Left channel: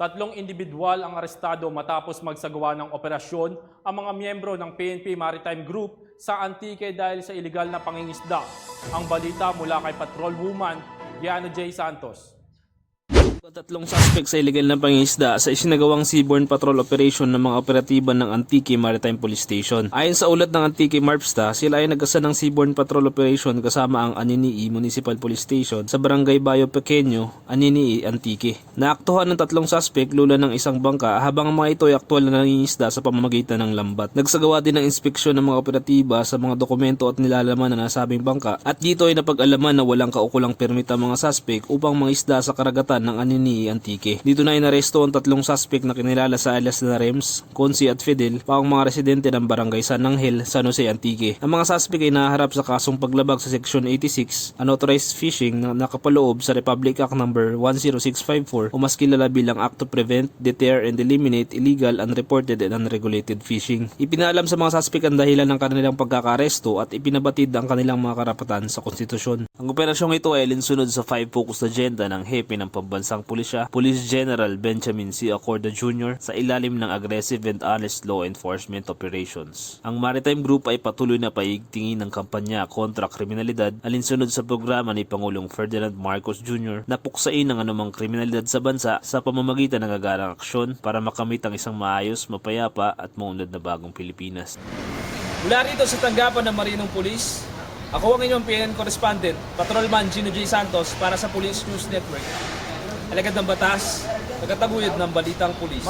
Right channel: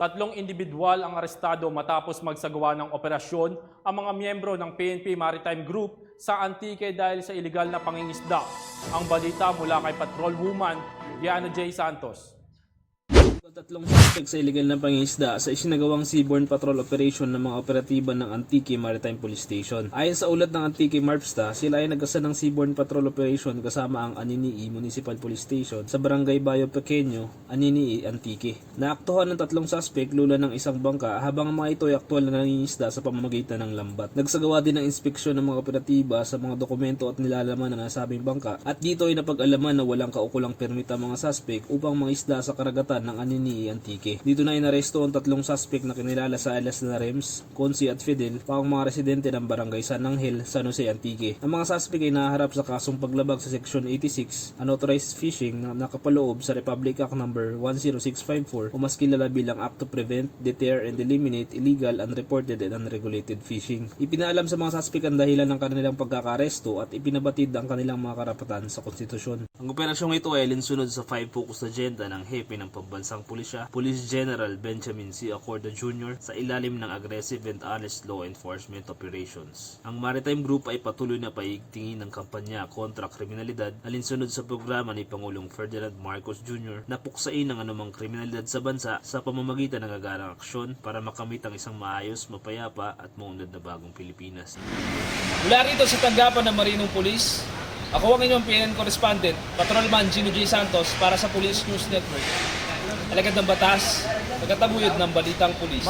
Tatlong individual ang arestado matapos magsagawa ng operasyon ang mga miyembro ng PNP Maritime Group sa Antique dahil sa iligal na pangingisda. Ang balita mula kay Patrol Woman, Giano J. Santos. Tatlong suspect sa illegal na pangingisda sa isinagawang seaborne patrol operation ng mga operatiba ng Antique Maritime Police Station. Ayon sa ulat ng Antique Marpsta, sila ay nagasa ng seaborne patrol operation kasama ang Aninii Municipal Police Station sa barangay Bayo Pequeño, Aninii, Antique. Naaktuhan ng tatlong suspect lula ng isang bangka habang ang mga ito ay aktwal na nangingisda sa pamamagitan ng lambat. Nagsagawa din ng inspeksyon ng mga operatiba sa mga dokumento at nilalaman ng nasabing bangka at dito ay napag-alaman na walang kaukulang permit ang mga suspect upang mangisda sa karagatan ng Aninii, Antique. Dito na inaresto ang tatlong suspect na kinilala sa alias na Rems, Consi at Fidel, pa ang mga residente ng barangay San Angel, San Jose, Antique. Ang mga suspect ay naharap sa kasong paglabag sa Section 86, unauthorized fishing na nakapaloob sa Republic Act No. 10654 o mas kilala bilang Act to Prevent, Deter, and Eliminate Illegal, Unreported, and Unregulated Fishing. Ipinaalam sa mga suspect ang dahilan ng kanilang pagkakaresto at ipinabatid ang kanilang mga karapatan sa konstitusyon. Ang operasyong ito ay alinsunod sa five focus agenda ng hepe ng pambansang pulisya, Police General Benjamin C. Acorda Jr. sa ilalim ng Aggressive and Honest Law Enforcement Operations. Ang Maritime Group ay patuloy na paigtingin ng kampanya kontra kriminalidad alinsunod sa programa ni Pangulong Ferdinand Marcos Jr. na puksain ang anumang kriminalidad sa bansa sa pamamagitan ng agarang aksyon para makamit ang isang maayos, mapayapa at maunlad na bagong Pilipinas. Mula rito sa tanggapan ng Marinong Police, ako ang inyong PNN correspondent, Patrolman Gino J. Santos para sa Police News Network. Alagad ng batas, nagkataguyod ng balitang pulis.